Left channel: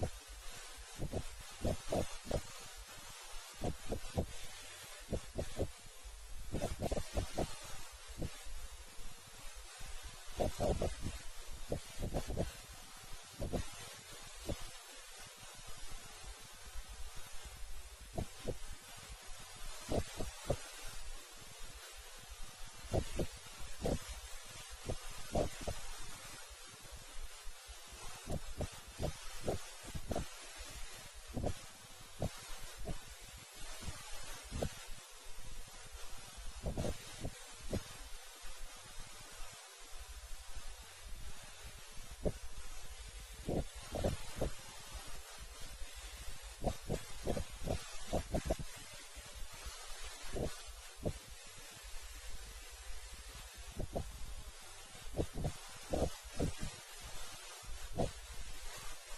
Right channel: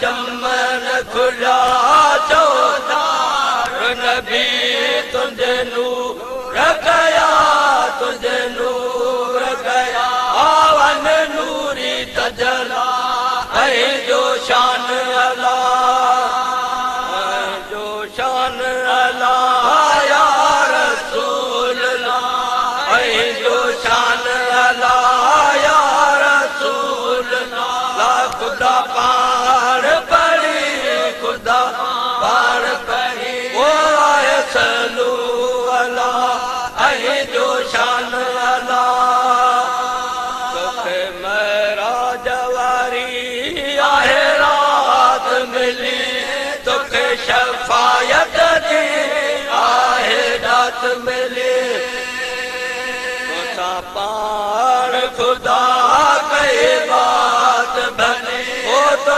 चमन खुला चौधार नबी तुझे नूर गया तुझे नूर गया आवन नूरी तजला है जो शान अल्लाह जो शान अल्लाह या रसूल अल्लाह है जो शान अल्लाह या रसूल अल्लाह खुदा पार पड़ी खुदा पार पड़ी वो आए सलू अल्लाह है जो शान अल्लाह तोखे मेरा जवारी आहे रात मिली तोखे शफायत दी आहे रात मिली तोता पार खुदा कई बात भली वो तो